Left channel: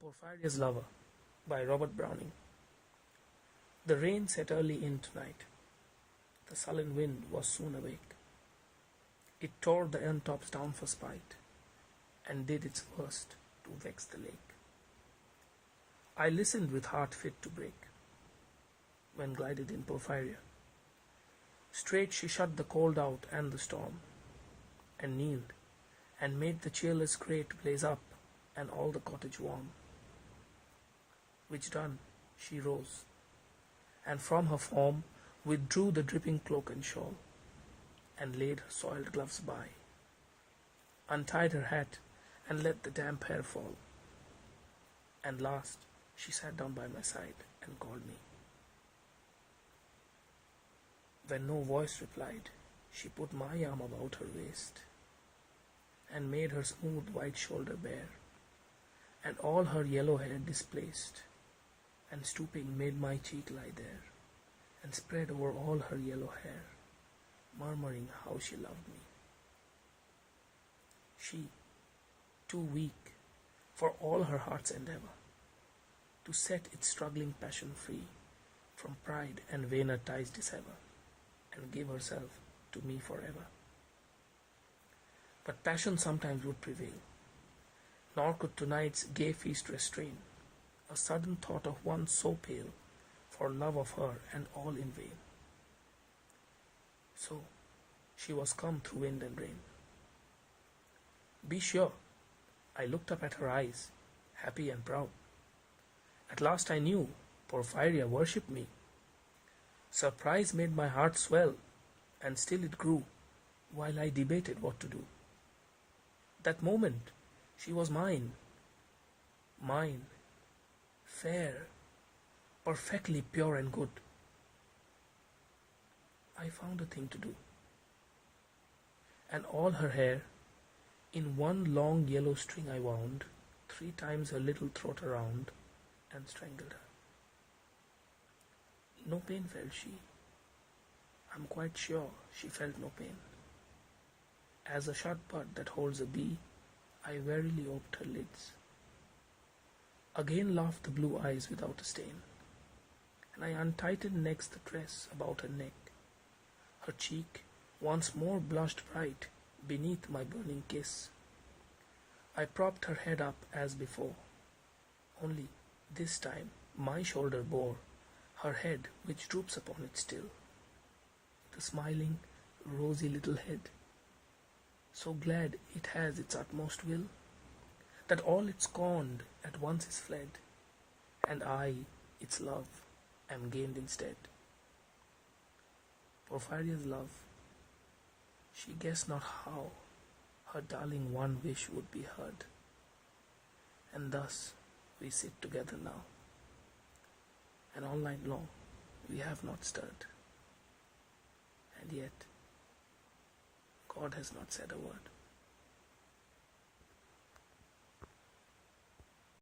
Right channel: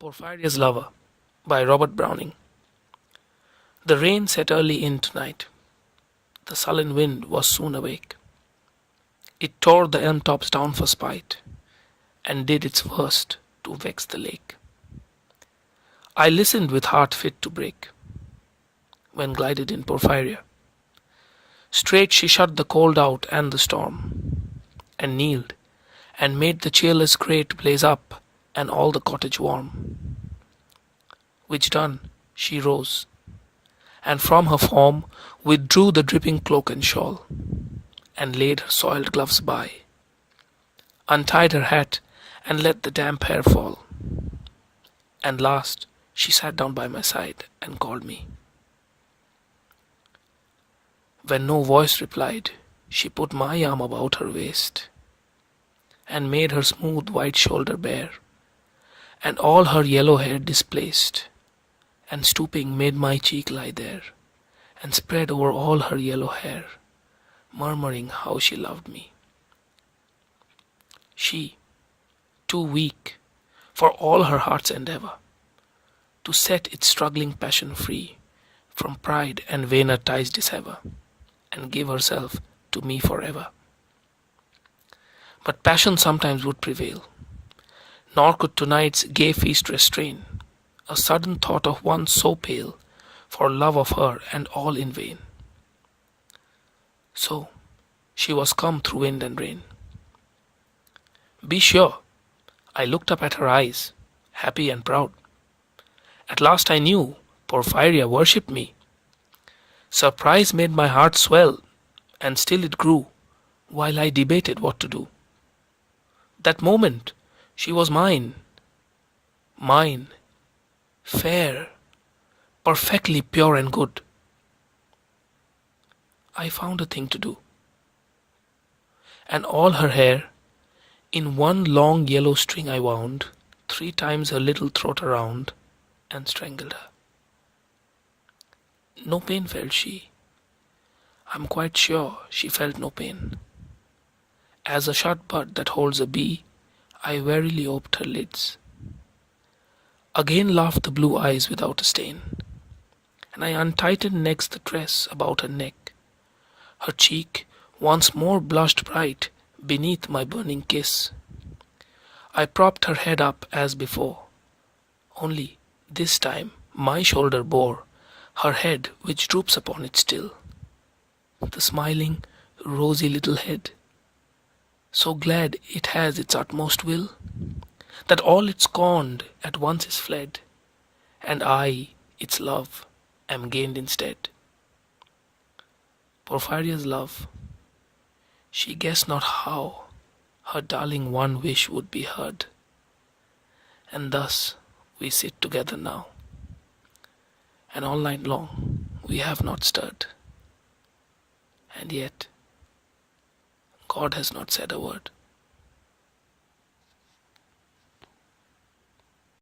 Porphyria's Lover by Robert Browning. The rain set early in tonight. The sullen wind was soon awake. It tore the elm tops down for spite, and did its worst to vex the lake. I listened with heart fit to break, when glided in Porphyria. Straight she shut the cold out and the storm, and kneeled, and made the cheerless grate blaze up, and all the cottage warm. Which done, she rose, and from her form withdrew the dripping cloak and shawl, and laid her soiled gloves by, untied her hat, and let the damp hair fall. And last she sat down by my side and called me. When no voice replied, she put my arm about her waist, and made her smooth white shoulder bare, and all her yellow hair displaced, and stooping made my cheek lie there, and spread over all her yellow hair, murmuring how she loved me. She, too weak, for all her heart's endeavor, to set its struggling passion free from pride and vainer ties dissever, and give herself to me forever. But passion sometimes would prevail, nor could tonight's gay feast restrain a sudden thought of one so pale, for love of her and all in vain. So she was come through wind and rain. Be sure, I looked up at her eyes, happy and proud. At last I knew Porphyria worshipped me. Surprise made my heart swell, and still it grew, while I debated what to do. That moment she was mine, mine, fair, perfectly pure and good. I found a thing to do, and all her hair in one long yellow string I wound 3 times her little throat around, and strangled her. No pain felt she. I'm quite sure she felt no pain. As a shut bud that holds a bee, I warily oped her lids. Again laughed the blue eyes without a stain, and I untightened next the dress about her neck. Her cheek once more blushed bright beneath my burning kiss. I propped her head up as before, only this time my shoulder bore her head which droops upon it still. The smiling, rosy little head, so glad it has its utmost will, that all it scorned at once is fled, and I, its love, am gained instead. Porphyria's love, she guessed not how her darling one wish would be heard, and thus we sit together now, and all night long we have not stirred, and yet God has not said a word.